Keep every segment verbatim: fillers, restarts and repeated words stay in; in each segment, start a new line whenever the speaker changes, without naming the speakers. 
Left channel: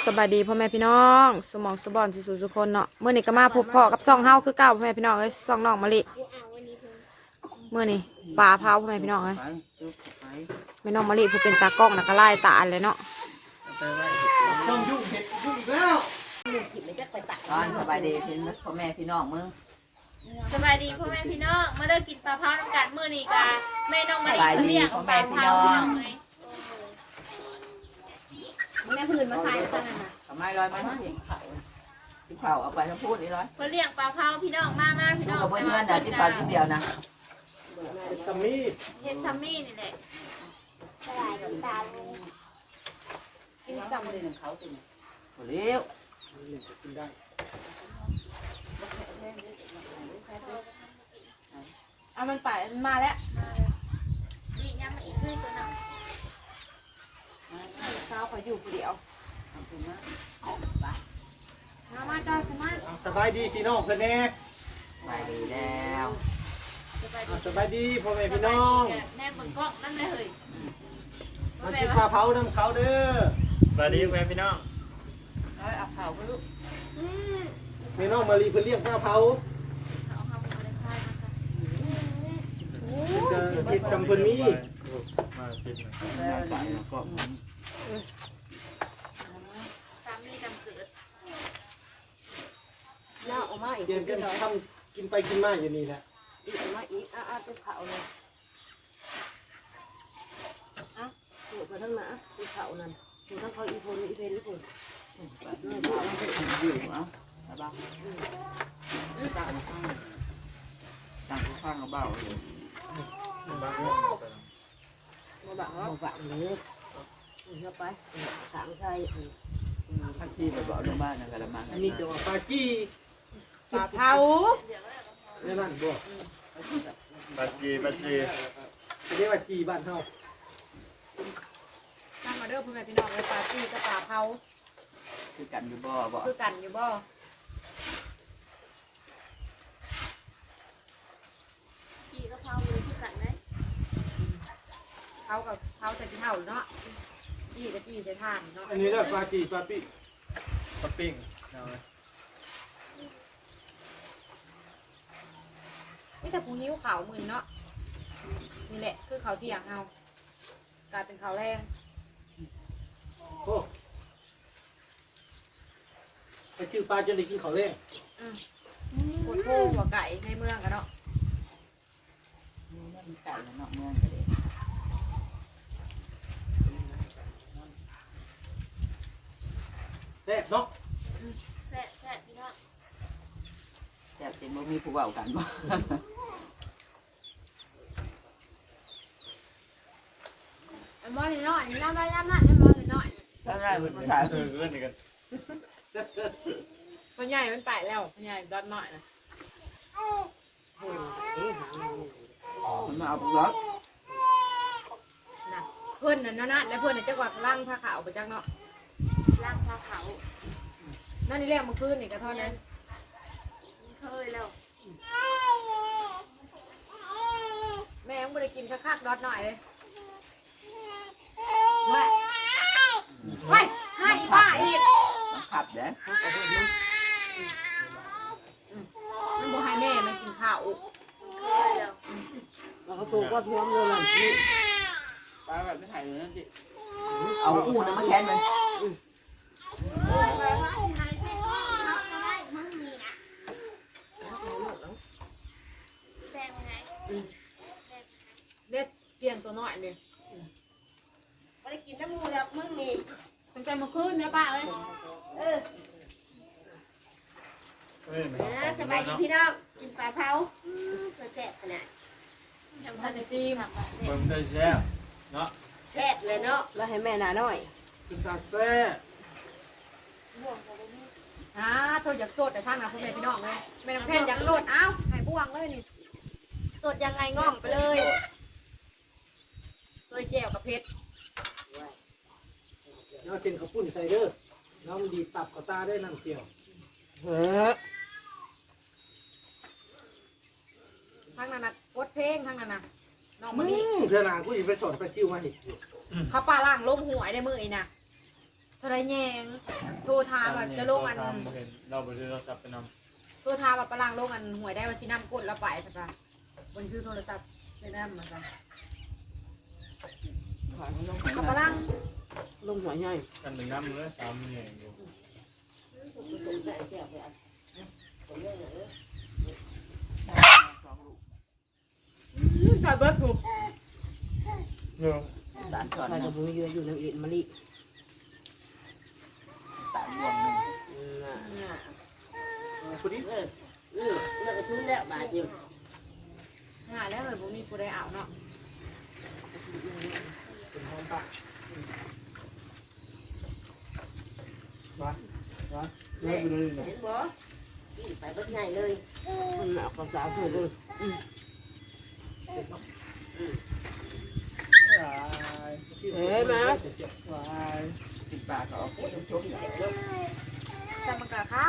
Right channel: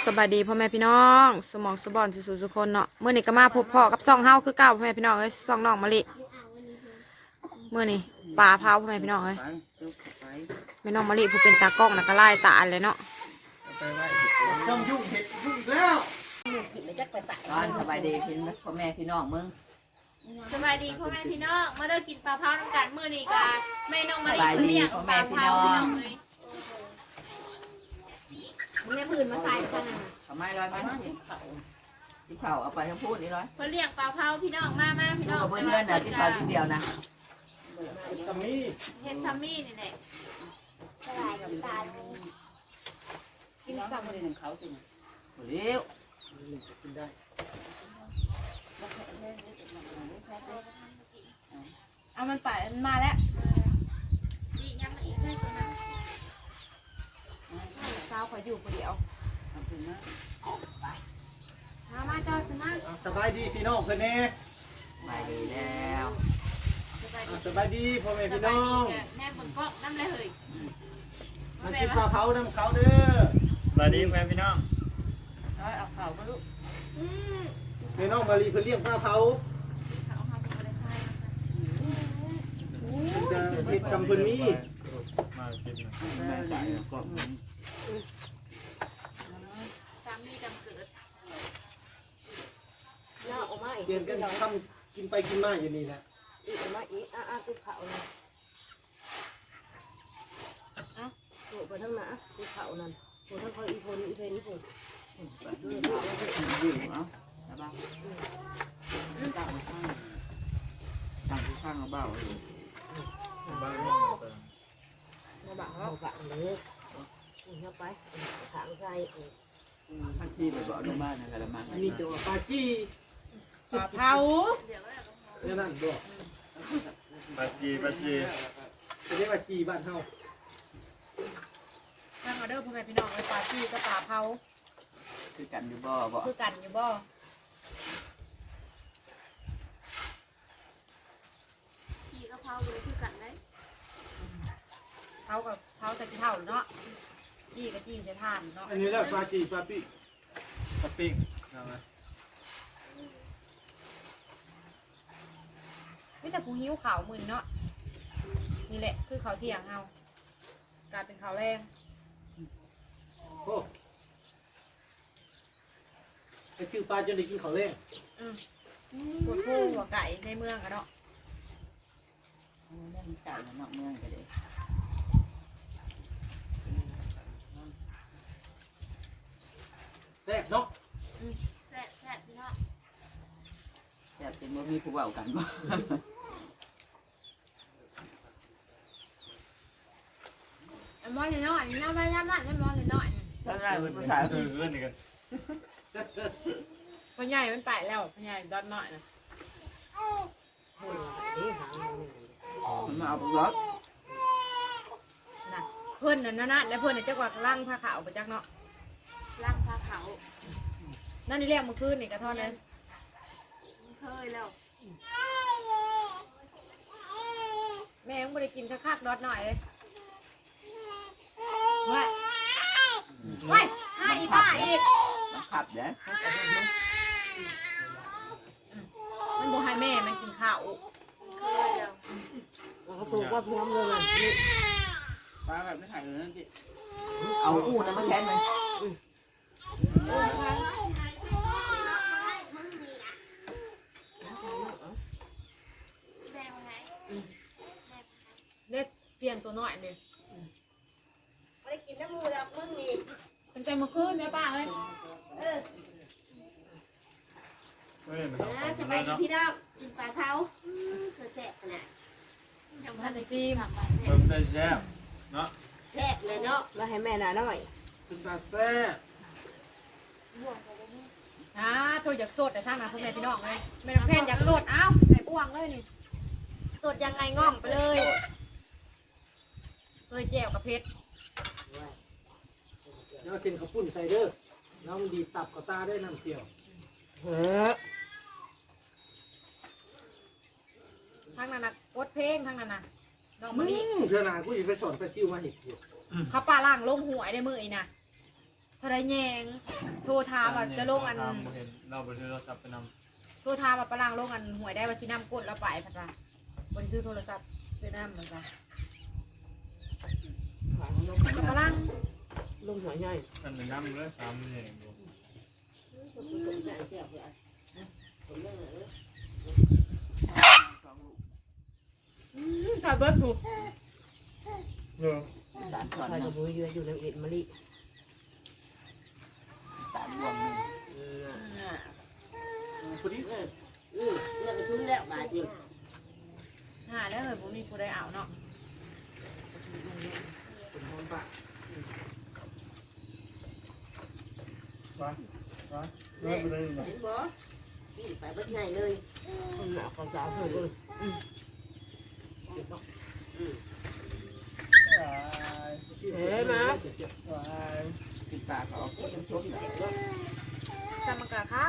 บายดีพ่อแม่พี่น้องสมองสบอนสุสุคนเนาะเมื่อนี้ก็มาพบพ่อกับซองเฮาคือเก่าพ่อแม่พี่น้องเอ้ยซองน้องมะลิเมื่อนี้ปลาเผาพ่อแม่พี่น้องเอ้ยแม่น้องมะลิผู้เป็นตากล้องน่ะก็ไล่ตาเลยเนาะ
ต้องยุ่งเห็ดยุ่งแล้ว
ตอนสบายดีพี่พ่อแม่พี่น้องมึง
สบายดีพ่อแม่พี่น้องมาเลิกกินปลาเผาน้ำกันมื้อนี้กะแม่น้องมะลิเขาเลี้ยงปลาเผาพี่น้องเลยแม่พื้นมาใส่กันนะ
ทำไมลอยมาที่เขาที่เขาเอาไปทั้งพูดนี่ร้อย
เขาเลี้ยงปลาเผาพี่น้องมามาพี่น้อง
เขาไม่เงินนะที่เขาทีเดียวนะ
ตะมี่
เฮ็ดซัมมี่นี่แหละกินซัมมี่
เขาสิเลี้ยว
กินได้
เอามันไปมาแล้ว
ดีย่ำมาอีกเพื่อนตัวนึง
สาวขออยู่คนเดียว
ทำถึงนะ
มามาจอยคุณมา
สบายดีพี่น้องเพื่อนแน่
สบายดีแล้ว
สบายดี
สบายดีพ่อแม่
ส
พี่
บาย
น้อ
ดี
ง
กะแม่เบิ่งกล้องน้ำเลยเฮ้ย
มากินข้าวเผาน้ำเขาเด้อ
สวัสดีแม่พี่น้อง
ร้อยเอาเผาก็ลูก
พี่น้องมารีเพื่อเลี้ยงข้าวเผา
เอาข้าวหมูได้ค่ายมาซะ
จะเห็ดจำเพิ่นมี
มากินหน่อย
แล้วแต่ก็
ซัมมี่จำเกิด
เตรียมกันทำกินไปกินมาอยู่นี่แหละ
ตัวไปทั้งหน้าตัวเขานั่นตัวทั้งเขาอีพนอีเพนอีพน
ยืดเอาสบายตั้งข้างตั้งข้างเบาเลย
บ้านเรื่องอะไร
มาบังมาบังเลยเข้าไปถางใส่
ข้าที่ไปบอกในบ้านนะครับมา
อันนี้จะว่าปลาจี้
ปลาเผา
เดี๋ยวก็แล้วก็พอ
เนี่ยนั่นบอก
ปัจจีปัจจี
จะเรียกว่าจี้บ้านเฮา
ตั้งมาเด้อพ่อแม่พี่น้องเลยปลาจี้กับปลาเผา
คือกันอยู่บ่บ่
คือกันอยู่บ่
พี่ก็เผาเลยคือกันไหม
เผากับเผาใส่ขี้เถ้าเนาะจี้กับจี้ใส่ถ่านเนาะ
อันนี้แหละปลาจี้ปลาปี้
ปัปปิ้งเอาไหม
ไม่แต่ผู้หิ้วขาวมึนเนาะนี่แหละคือเขาวเที่ยงเฮากลายเป็นเขาวแรง
โอ้ไปชื่อปลาจนได้กินข้าวแรง
ปวดโพหัวไก่ในเมืองกันเนาะ
นี่มันไก่นอกเมืองกันเลย
แซ่บเนาะ
แซ่บแซ่บพี่น้อง
แต่เป็นบ่มีผู้เบากันบ่
อันมอนี่น้อยนี่น้ำได้ย่ำนั่นอันมอนี่น้อย
ตอนแรกเป็นผู้ชาย
เออเออนี่กัน
มันใหญ่มันไปแล้วมันใหญ่ดอดน้อยนะ
มันมาเอาไปรถ
นะเพื่อนนั่นนะแล้วเพื่อนน่ะจักว่าล่างผ้าขาวไปจักเนาะ
ล่างปลาเผา
นั่นนี่เรียกมาคืนนี่กระท่อนนั้น
เคยแล้ว
แม่ยังไม่ได้กินสักคักดอดน้อยเลยว่าไปให้ป้าอีก
มันขับเด้
มันบอกให้แม่มันกินข้าว
เคยแล้ว
เราตัวก็ท้วมเลยมัน
ป้าแบบไม่ถ่ายเลยนั่นสิเอาอู้นะมาแทนมัน
แบ่งไง
เล็ดเจียงตัวน้อยเลย
ไปกินน้ำมือมึงนี่
ตั้งแต่เมื่อคืนเนี่ยป้าเลย
เออ
เออมัน
นะสบายดีพี่น้องกินปลาเผาตัวแซ่บขนาด
ยังทันได้ซีม
เพิ่มได้แล้วเนาะ
แซ่บเลยเนาะเราให้แม่นาหน่อย
จนตาแซ่บ
อ่าโทษอยากโสดแต่ช่างนะพ่อแม่พี่น้องเลยแม่น้องแทนอยากโสดเอ้าไหนบ้วงเลยนี่โสดยังไงง่องไปเลยเลยแจวกับเพชร
เนาะเส้นข้าวปุ้นใส่เด้อน้องดีตับกับตาได้น้ำเปรี้ยว
เฮ้อ
ทางนั้นนะกดเพลงทางนั้นนะน้อง
มึ
มะลิ
งเธอหนากูอยู่ไปสอนไปซิวมาเห็ดอยู่
เขาปลาล่างล้มหวยในมือไอ้น่ะเท่าไรแยงโทรถามแบบจะลงอัน
เห็นเราไปซื้อเรากลับไปน
โทรถามแบบปลางลงอันหวยได้ว่าสินำกดแล้วไปสักจ้ะบนซื้อโทรศัพท์ซื้อน้ำเหมือนกัน
ขายลง
กับปลาง
ลงหัวใหญ่
ำกันหนึ่งน้ำเลยสามเนี่ยอยู่
สนใจแก้วไปอ่ะคนเรื่องอะไรสองลูก
ซาเบิร์ดถูก
เนาะ
ตาลก่อนนะมือเยอะอยู่ในเอ็ดมะลิตาลบวงหนึ่งน่ะคนนี้เออเออเลิกกระชุ่มแล้วบาดอยู่
หาแล้วเลยผมมีผู้ใดเอาเนาะ
เป็นหอมปะ
เลิกไปเลยเนาะ
เห็นบ่ไปเบิดง่ายเลยหนาวความสาวเลย
เฮ้ยมา
ว้าย
ติดปากออกคนชมอย่างเดียว
ซามังกะข้าว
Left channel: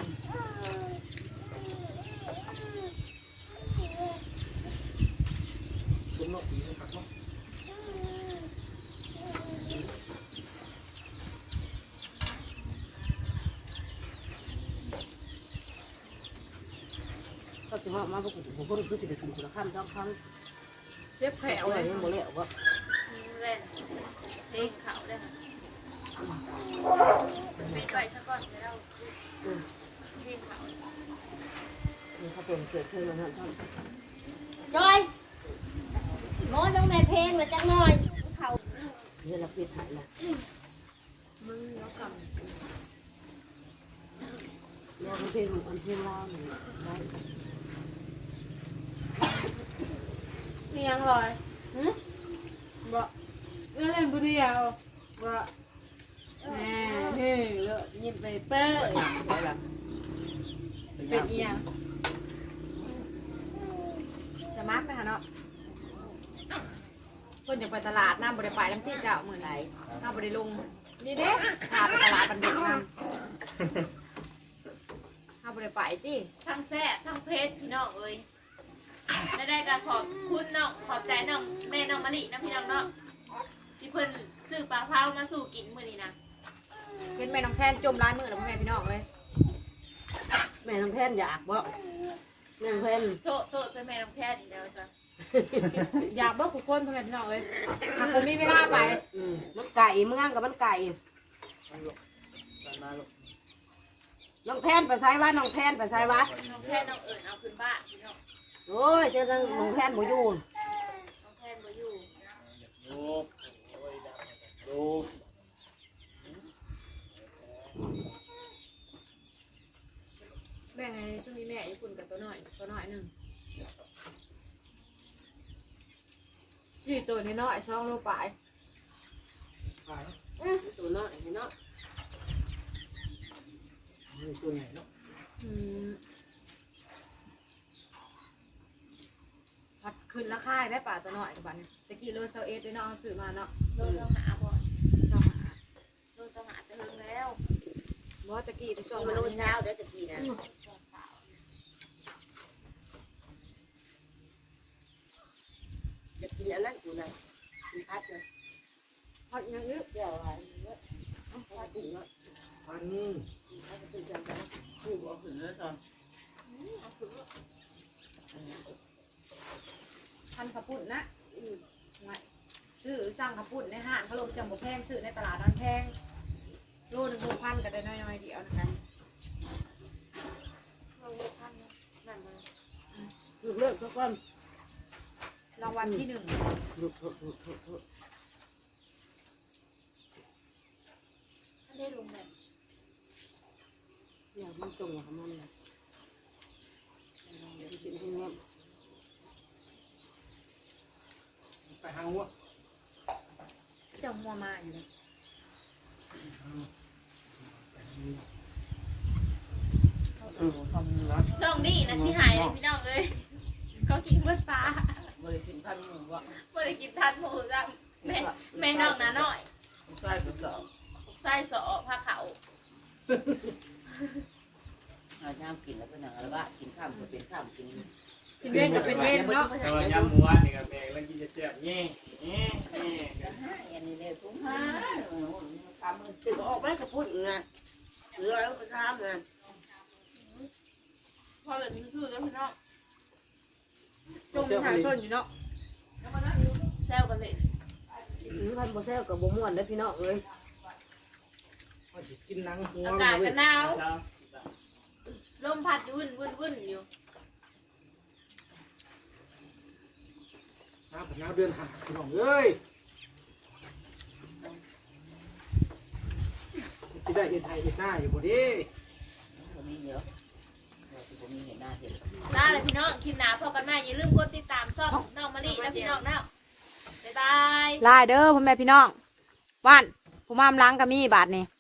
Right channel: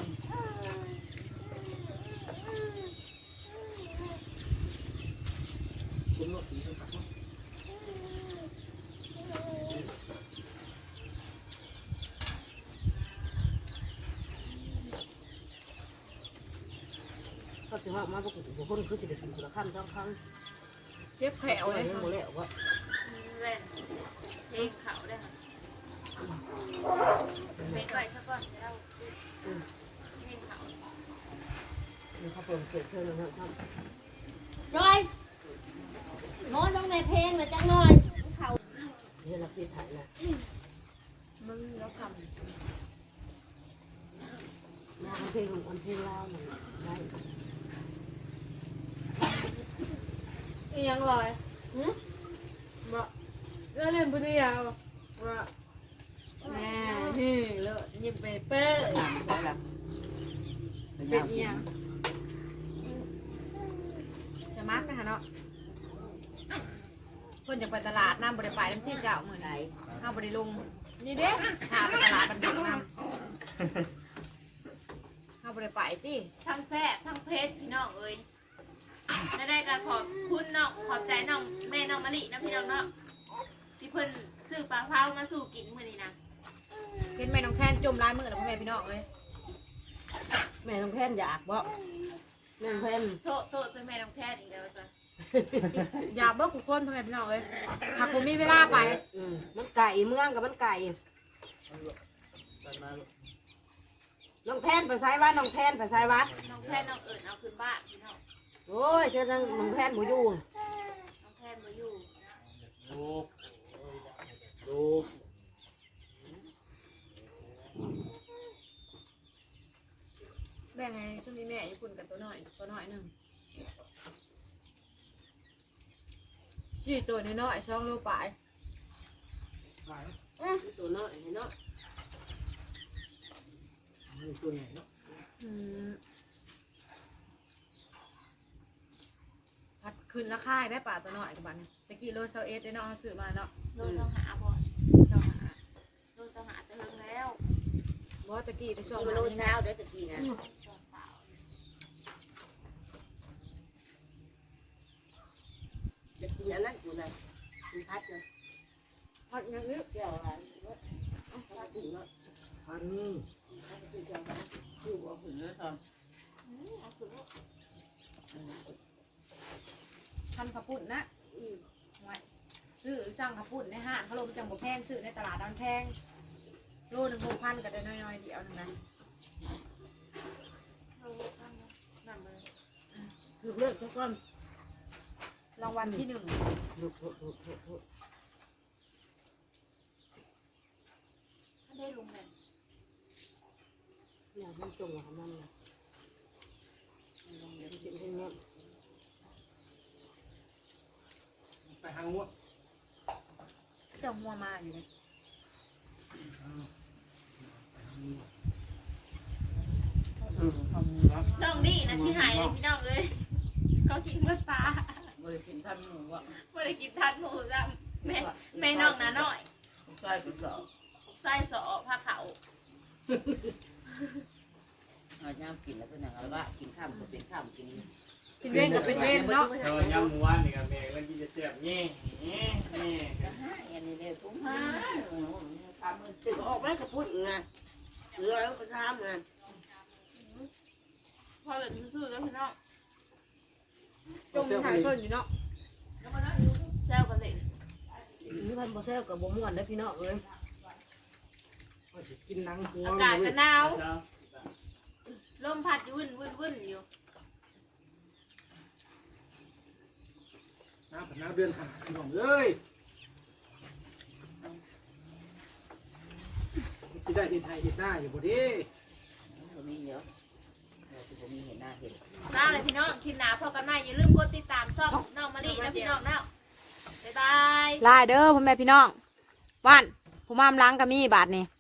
เป็นโรคผีเป็นปักมั้ง
เขาจะว่ามาพวกผมคนคือจะได้กินคนละคำสองครั้ง
เจ็บแผล
เอา
เล
ไว้
ย
ยังบ่แล้วว่า
เล่นเพลงเขาได้ค่ะเป็นไปซะก่อนจะเล่าเพลงเขา
เขาเปิดเกิดขึ้นมาแล้วครับ
จอยหมอต้องในเพลงมาจังหน่อยเขา
เฮ้ยรักที่ถ่ายนะ
มึงแล้วก
น้องเพลงอันเพลงลาวหนึ่งได้
ำนี่ยังลอยหืมบ่เล่นผู้เดียวว่าแม่เฮ้ยเลิกยิ้มไปเป้ย
ได้ละ
เป็นอีหยังสมาร์ทไหมคะเนาะเพิ่นจะไปตลาดน้ำบริไปน้ำที่เจ้าเหมือนไรข้าวบริลงนี่เด้พาไปตลาดบันเด็กน้ำข้าวบริไปที่
ทั้งแซ่บทั้งเพชรพี่น้องเอ้ยได้ได้ก็ขอบคุณน้องขอบใจน้องแม่น้องมะลินะพี่น้องเนาะที่เพิ่นซื้อปลาเผามาสู่กินมื้อนี้นะ
เป็นแม่น้องแทนจมร้ายมือแล้วพ่อแม่พี่น้องเลย
แม่น้องแทนอยากบ่แม่น้องแทน
โตโตใส่แม่น้องแพทย์อีกแล้วจ้ะ
อยากเบิกกุคนพ่อแม่พี่น้องเลยหากผมมีเวลาไป
อืมมันไก่เมืองกับมันไก่น้องแทนไปใช้วัดน้องแทนไปใช้วัด
น้องแพทย์น้องเอิญเอาขึ้นบ้านพี่น้อง
โอ้ยเจ้าน้องแทนหมูยูน
น้องแพทย์บ่อยู่
ลูก
ดู
แบ่งไงช่วงนี้แม่อยู่คุณกับตัวหน่อยตัวหน่อยหนึ่งสี่ตัวน้อยๆช่องโลปลาย
ขาย
ตัวน้อยเห็นเนาะ
มีตัวใหญ่เนาะ
อืมพัดขึ้นราคาได้ป่าตัวหน่อยกับบันเนี่ยตะกี้โลเซลเอสได้เนาะเอาซื้อมาเนาะ
โลเจ้าหาบ่
เจ้าหา
โลเจ้าหาจะเฮิงแล้ว
บ่ตะกี้ไปช่วง
ที่มันโลเช้าเดี๋ยวตะกี้นะ
สองสาว
จะกินอันนั้นกูนะกินพัดนะ
พัดอย่างนี้
เดี๋ยวอะไรพัดถึงเนาะ
พัน
พัดถึงจังกัน
คือบ่ขึ้นเลยตอน
อืมเอาขึ้นมา
พันขับปุ่นนะอืมไว้ซื้อสั่งขับปุ่นในห้างเขาลงจังบ่แพงซื้อในตลาดดอนแพงโลหนึ่งหกพันก็ได้น้อยๆเดียวนึงนะ
เราโลพันเนาะนั่นเลย
คือเลิกทุกคน
รางวัลที่หนึ่ง
ถูกถูกถูกถูกถูก
ท่านได้ลงเลย
อยากมันจงอย่างมันนะเดี๋ยวกินให้เงี้ย
ไปหาหัว
เจ้ามัวมาอยู่เลย
เออทำนะ
น้องดีนะสิหายเลยพี่น้องเอ้ยเขากินเมื่อปลา
บริกินท่านหมูวะ
บ่ได้กินทัดหมูจ้ะแม่แม่น้องนะน้อย
ใส่กระสอบ
ไส้สอผ้าขาว
อาย่างกินแล้วเป็นอย่างไรบ้างกินข้ามก็เป็นข้ามกิน
กิกินเว้นกับเป็นเว้นเนาะ
แต่ว่าย่างหมูอันนี่ก็แม่แล้วกินจะเจ็บแง่แง่แง่
กันห้าอันนี้เลยทุ่งห้าตามมือติดออกมาจะพูดไงเหลือแล้วก็ทำไง
พอเหลือซื่อๆแล้วพี่น้อง
จงหาส้นอยู่เนาะ
แซวกันเล่น
พันโบเซลกับโบม่วนได้พี่น้องเลย
เอาสิกินหนังหัว
อากาศก็หนาวลมพัดวุ่นวุ่นวุ่นอยู่
น้ำผัดน้ำเดือนหาพี่น้องเอ้ยสิได้เห็นไทยเห็นหน้าอยู่บ่ดิ
ผมมีเยอะผมมีเห็นหน้าเห็น
ลาเลยพี่น้องคลิปหนาพอกันใหม่อย่าลืมกดติดตามช่องน้องมะลินะพี่น้องเนาะบ๊ายบาย
ลายเด้อพ่อแม่พี่น้องว่านผู้มามล้างก็มีบาทนี่